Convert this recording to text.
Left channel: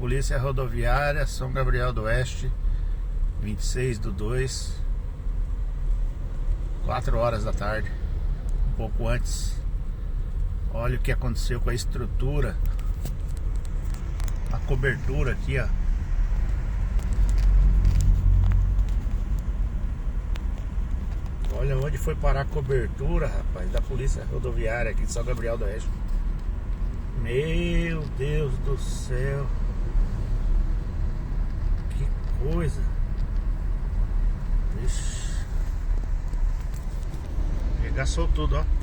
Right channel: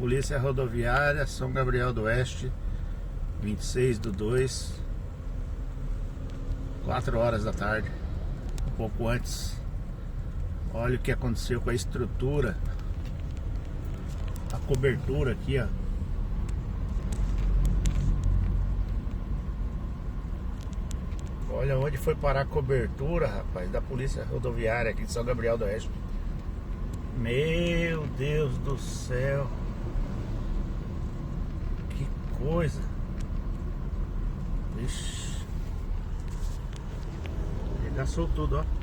Polícia Rodoviária, São Gabriel do Oeste, 26/2, 4 horas da tarde, um pouco antes. Olha o que aconteceu com a estrutura, a cobertura aqui, ó. Olha onde foi parar a cobertura, rapaz, da Polícia Rodoviária aqui de São Gabriel do Oeste. Meu Deus do céu. Que coisa. Ixi. Regaçou tudo, ó.